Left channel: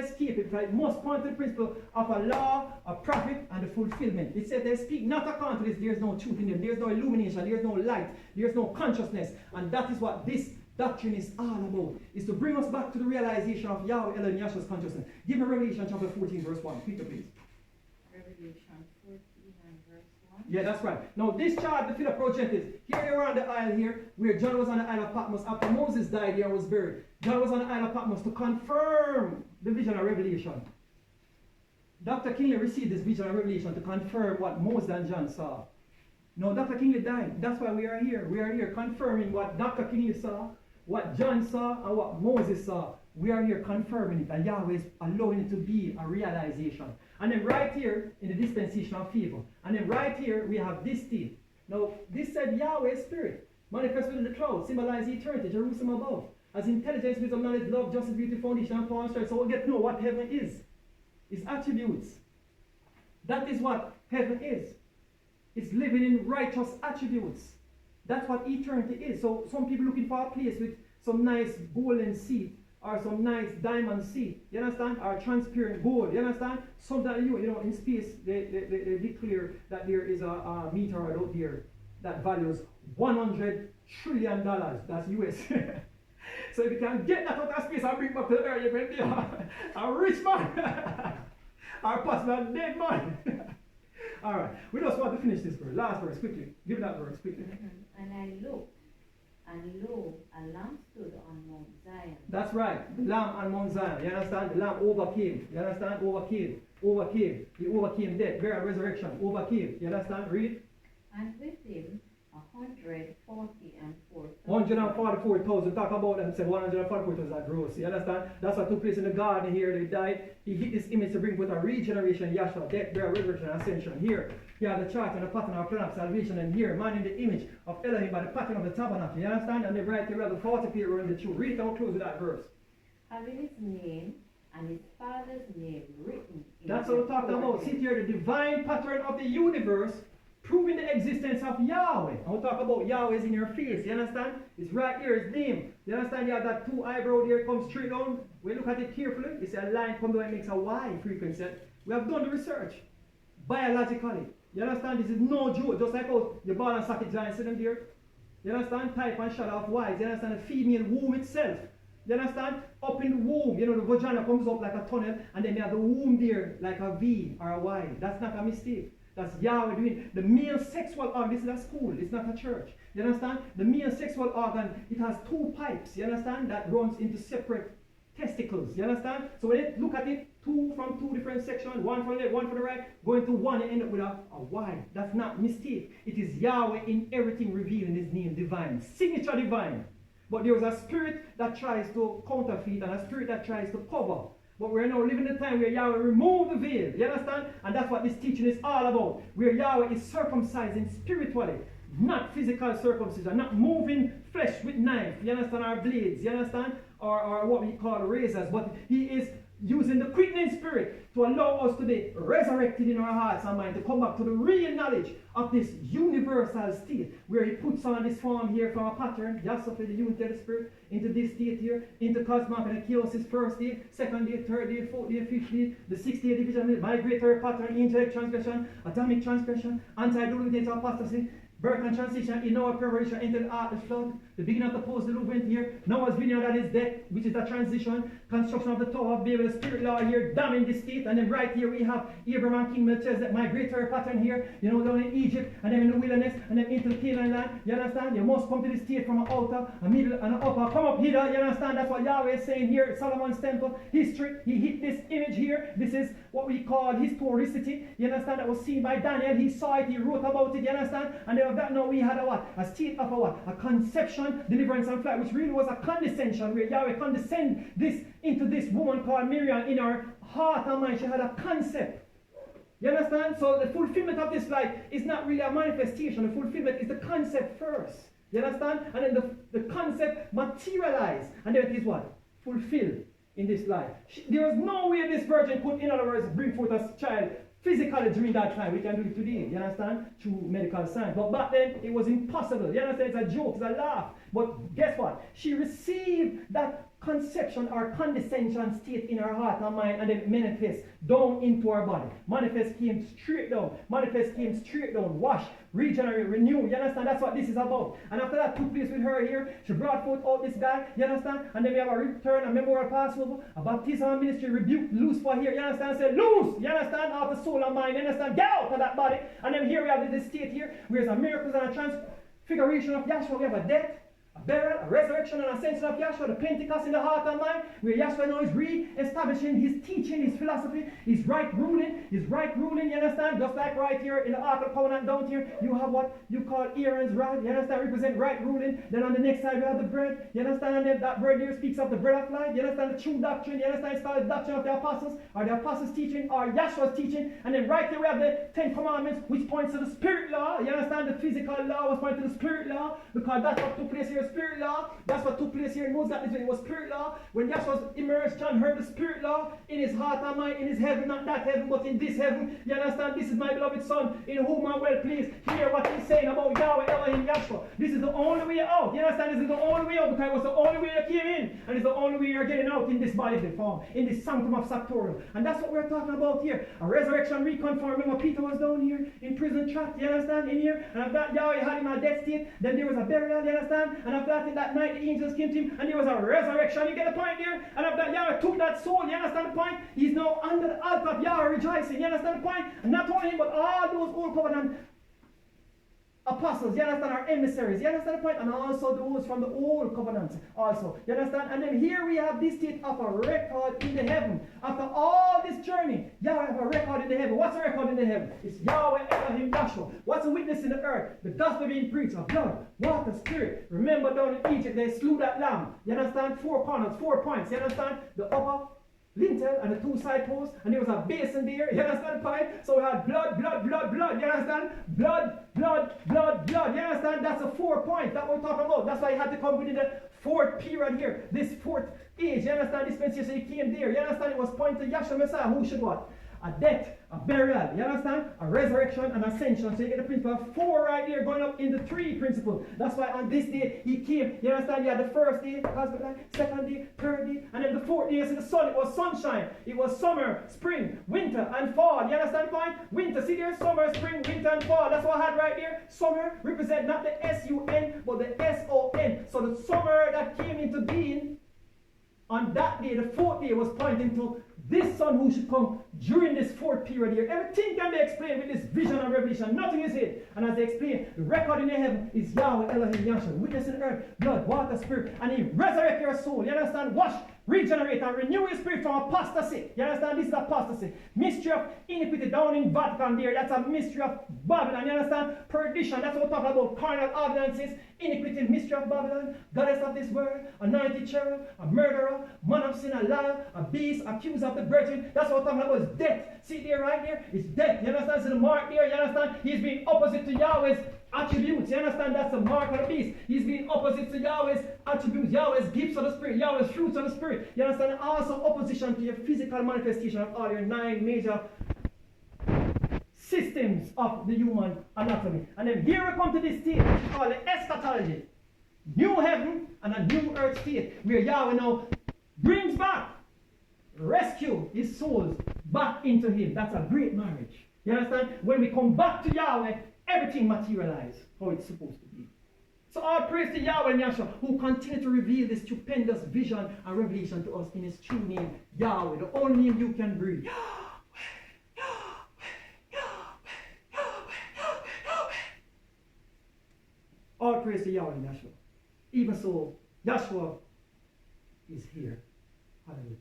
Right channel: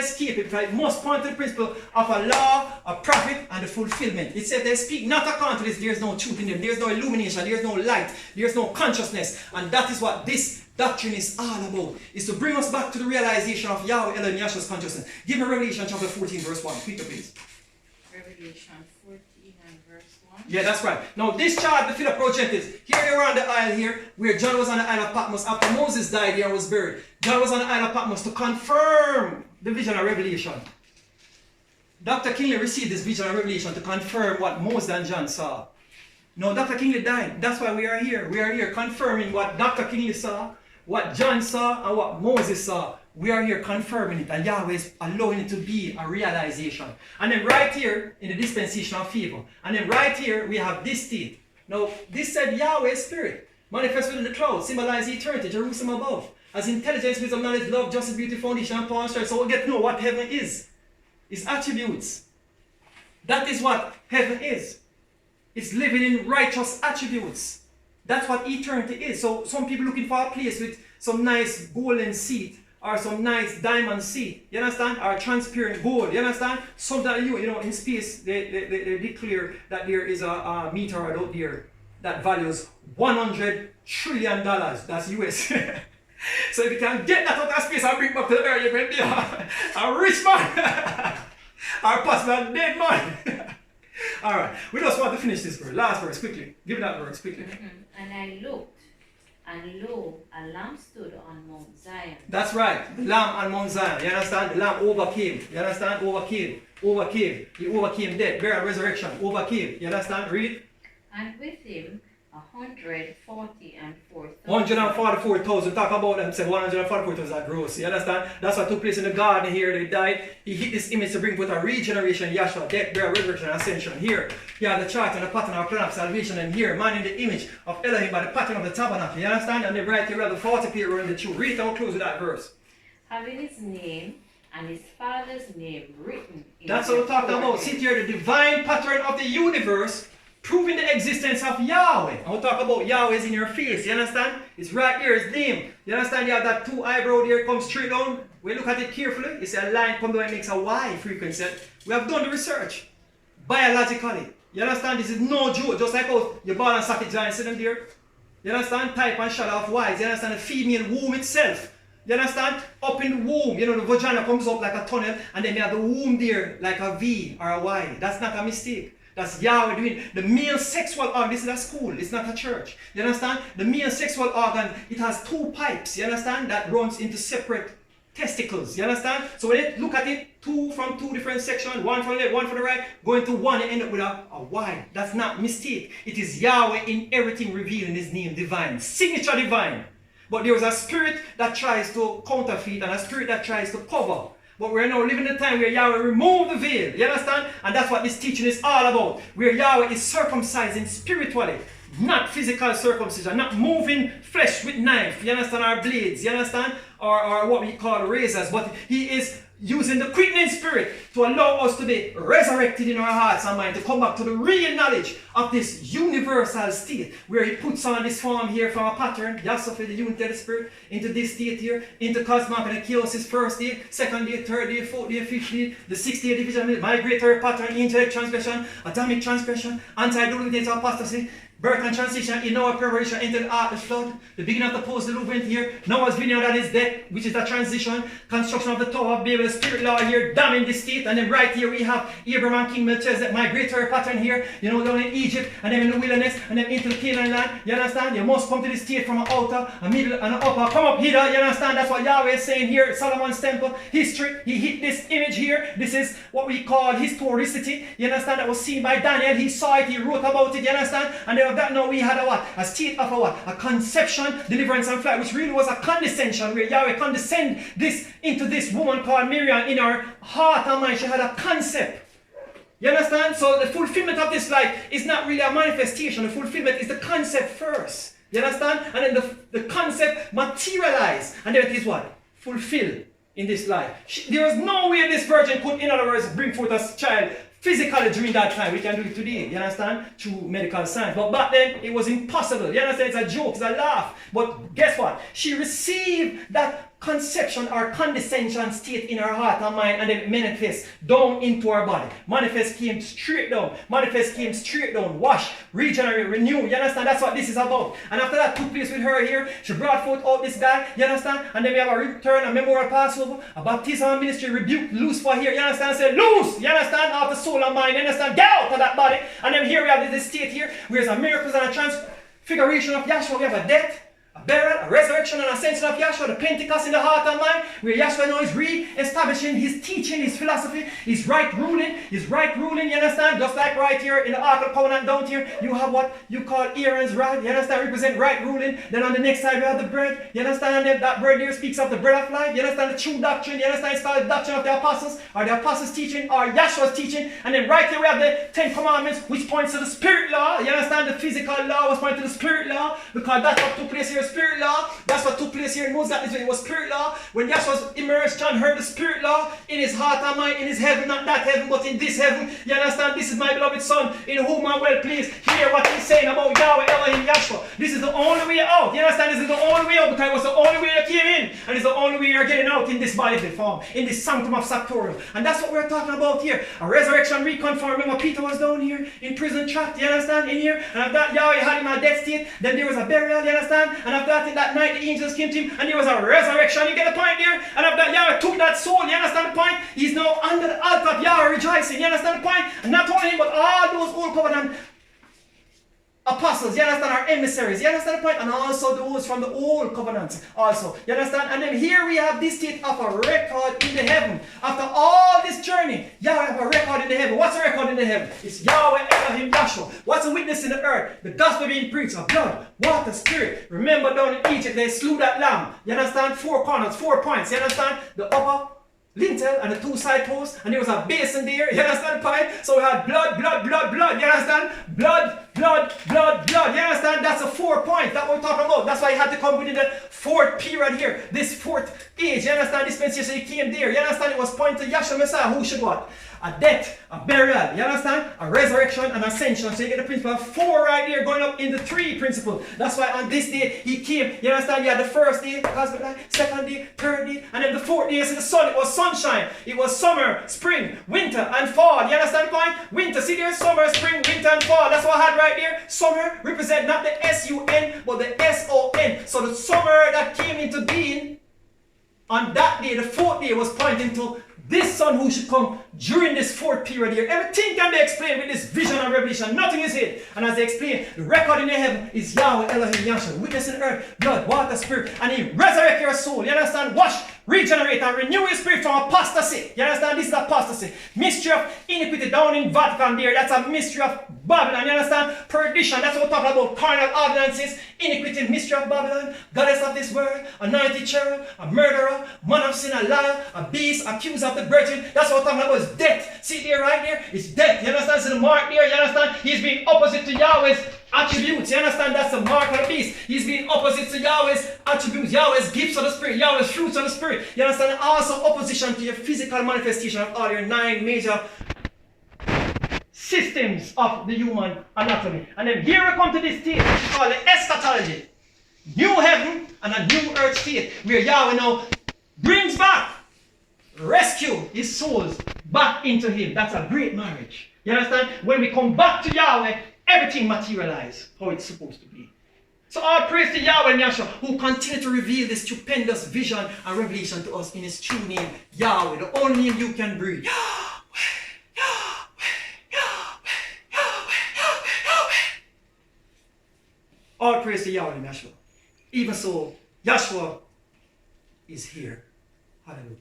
escape it, for it must point to the principle of a law, a prophet, and the fulfillment. It said they speak not according to this, there's no truth in them, there's no illumination, there's no light, there's no consciousness. And that is what this doctrine is all about, is to bring us back to the realization of Yahweh Elohim Yahshua's consciousness. Give me Revelation chapter 14 verse 1. Quicker please. Revelation 14 and verse 1. Yeah, that's right. Now this chart, the Philoprogenitus, here they were on the isle here, where John was on the isle of Patmos after Moses died here and was buried. John was on the isle of Patmos to confirm the vision of Revelation. Dr. Kingley received this vision of Revelation to confirm what Moses and John saw. No, Dr. Kingley died. That's why we are here. We are here confirming what Dr. Kingley saw, what John saw, and what Moses saw. We are here confirming it, and Yahweh is allowing it to be a realization. And then right here in the dispensation of favor, and then right here we have this state. Now, this said Yahweh Spirit, manifest within the clouds, symbolize eternity, Jerusalem above, as intelligence, wisdom, knowledge, love, justice, beauty, foundation, and power and strength. So we get to know what heaven is. Its attributes. That is what heaven is. It's living in righteous attributes. That's what eternity is. So some people looking for a place with some nice golden seat, or some nice diamond seat, you understand? Or transparent gold, you understand? Sometimes you know, in space, they declare that there is a meteor out there that values $100 trillion. That's US. So if you can get that out of space and bring it back to the earth, you're going to be a rich man. Or possibly a dead man. Alright, we just want to finish this verse. Last verse, quickly. Give me that verse, quickly. And I looked, and lo, a lamb stood on Mount Zion. That's right, the lamb on Mount Zion. You understand? The lamb overcame. You understand? Overcame. Overcame. He overcame death, burial, resurrection. Overcame. You understand? Read. And with him 144,000. 144,000. Talk about them. Say 144,000 are gross. You understand? That's what took place in the garden here. They died. He hit this image to bring forth a regeneration. Yahshua, death, burial, resurrection, ascension. Here, you have the chart and the pattern of plan of salvation. And here, man in the image of Elohim by the pattern of the tabernacle. You understand? And they right here, we have the 40 period in the truth. Read it out close with that verse. Having his name and his father's name written in That's what we're talking about. See here, the divine pattern of the universe, proving the existence of Yahweh. And we'll talk about Yahweh is in your face. You understand? It's right here, his name. You understand? You have that two eyebrow there, comes straight down. We look at it carefully. It's a line come down and makes a Y frequency. We have done the research biologically. You understand? This is no joke. Just like how your ball and socket giant, see them there? You understand? Type and shadow of Y's. You understand? The female womb itself. You understand? Up in the womb, you know, the vagina comes up like a tunnel, and then you have the womb there like a V or a Y. That's not a mistake. That's Yahweh doing. The male sexual organ, this is a school, it's not a church. You understand? The male sexual organ, it has two pipes, you understand? That runs into separate testicles, you understand? So when you look at it, two from two different sections, one from the left, one from the right, going to one, you end up with a Y. That's not mistake. It is Yahweh in everything revealed in his name, divine, signature divine. But there is a spirit that tries to counterfeit and a spirit that tries to cover. But we're now living in a time where Yahweh removed the veil. You understand? And that's what this teaching is all about. Where Yahweh is circumcising spiritually, not physical circumcision, not moving flesh with knife. You understand? Or blades. You understand? Or what we call razors. But he is using the quickening spirit to allow us to be resurrected in our hearts and mind, to come back to the real knowledge of this universal state, where he puts on this form here from a pattern, Yahshua, the unity of the spirit, into this state here, into cosmos and the chaos is first day, second day, third day, fourth day, fifth day, the sixth day division, migratory pattern, angelic transgression, atomic transgression, anti-dualism, apostasy, birth and transition, in our preparation into the ark, the flood, the beginning of the post-diluvian here, Noah's vineyard and his death, which is the transition, construction of the Tower of Babel, the spirit law here, damning the state, and then right here we have Abraham and King Melchizedek, migratory pattern here, you know, down in Egypt, and then in the wilderness, and then into the Canaan land, you understand? You must come to this state from an outer, a middle, and an upper, come up here, you understand? That's what Yahweh is saying here, Solomon's temple, history, he hit this image here, this is what we call historicity, you understand? That was seen by Daniel, he saw it, he wrote about it, you understand? And then of that now we had a what? A state of a what? A conception, deliverance and flight, which really was a condescension, where Yahweh condescended this into this woman called Miriam in her heart and mind. She had a concept. You understand? So the fulfillment of this life is not really a manifestation. The fulfillment is the concept first. You understand? And then the concept materialized. And then it is what? Fulfilled in this life. There was no way this virgin could, in other words, bring forth a child physically during that time. We can do it today, you understand? Through medical science. But back then, it was impossible. You understand? It's a joke, it's a laugh. But guess what? She received that conception or condescension state in our heart and mind, and then manifest down into our body. Manifest came straight down. Manifest came straight down. Wash, regenerate, renew. You understand? That's what this is about. And after that took place with her here, she brought forth out this guy. You understand? And then we have a return, a memorial Passover, a baptismal ministry, rebuke, loose for here. You understand? Say loose. You understand? Of the soul and mind. You understand? Get out of that body. And then here we have this state here, where there's a miracles and a transfiguration of Yahshua. We have a death, a burial, a resurrection, and ascension of Yahshua, the Pentecost in the heart and mind, where Yahshua now is re-establishing his teaching, his philosophy, his right ruling, you understand? Just like right here in the Ark of Covenant down here, you have what you call Aaron's rod, you understand? Represent right ruling. Then on the next side we have the bread, you understand? And then that bread there speaks of the bread of life, you understand? The true doctrine, you understand? It's called the doctrine of the apostles, or the apostles' teaching, or Yahshua's teaching. And then right here we have the 10 Commandments, which points to the spirit law, you understand? The physical law was pointing to the spirit law, because that's what took place here. Spirit law, that's what took place here in Moses. That is when it was spirit law. When Yahshua was immersed, John heard the spirit law in his heart and mind, in his heaven, not that heaven, but in this heaven. You understand? This is my beloved son, in whom I'm well pleased. Hear what he's saying about Yahweh Elohim Yahshua. This is the only way out. You understand? This is the only way out, because it was the only way that came in, and it's the only way you're getting out in this bodily form, in this sanctum of Sanctorum. And that's what we're talking about here. A resurrection, reconfirm. Remember, Peter was down here in prison trapped. You understand? In here, and after that, Yahweh had him in a dead state. Then there was a burial. You understand? And after that night, the angels came to him, and there was a resurrection. You get the point there? And after that, Yahweh took that soul. You understand the point? He's now under the altar of Yahweh rejoicing. You understand the point? And not only him, but all those old covenant apostles, you understand, our emissaries, you understand the point? And also those from the old covenants also, you understand? And then here we have this state of a record in the heaven. After all this journey, Yahweh have a record in the heaven. What's a record in the heaven? It's Yahweh Elohim Yahshua. What's a witness in the earth? The gospel being preached of blood, water, spirit. Remember down in Egypt, they slew that lamb. You understand? 4 corners, 4 points. You understand? The upper lintel and the 2 side posts, and there was a basin there. You understand the point? So we had blood, blood, blood, blood. You understand? Blood, blood, blood, blood. You understand? That's a 4 point. That's what we're talking about. That's why he had to come within the 4th period here. This 4th age. You understand? Dispensation, he came there. You understand? It was pointing to Yahshua Messiah, who should what? A death, a burial, you understand? A resurrection, an ascension. So you get the principle of 4 right there going up in the 3 principle. That's why on this day he came. You understand? You had the first day, cosmic light, 2nd day, 3rd day, and then the 4th day. You see the sun, it was sunshine. It was summer, spring, winter, and fall. You understand the point? Winter, see there, summer, spring, winter, and fall. That's what I had right there. Summer represent not the S-U-N, but the S-O-N. So the summer that came into being on that day, the 4th day, was pointing to this son who should come during this 4th period here. Everything can be explained with this vision and revelation. Nothing is hid. And as they explain, the record in the heaven is Yahweh Elohim Yahshua. Witness in the earth, blood, water, spirit. And he resurrect your soul. You understand? Wash, regenerate, and renew your spirit from apostasy. You understand? This is apostasy. Mystery of iniquity down in Vatican there. That's a mystery of Babylon. You understand? Perdition. That's what we're talking about. Carnal ordinances, iniquity, mystery of Babylon, goddess of this world, anointed cherub, a murderer, man of sin, a liar, a beast, accused of the virgin. That's what we're talking about, is death. See there right there? It's death. You understand? See the mark there? You understand? He's being opposite to Yahweh's attributes. You understand? That's the mark of the beast. He's being opposite to Yahweh's attributes, Yahweh's gifts of the spirit, Yahweh's fruits of the spirit. You understand? And also opposition to your physical manifestation of all your 9 major systems of the human anatomy. And then here we come to this state, which is called the eschatology. New heaven and a new earth state, where Yahweh now brings back, rescue his souls back into him. That's a great marriage. You understand? When we come back to Yahweh, everything materializes how it's supposed to be. So all praise to Yahweh and Yahshua, who continue to reveal this stupendous vision and revelation to us in his true name, Yahweh, the only name you can breathe. All praise to Yahweh and Yahshua. Even so, Yahshua is here. Hallelujah.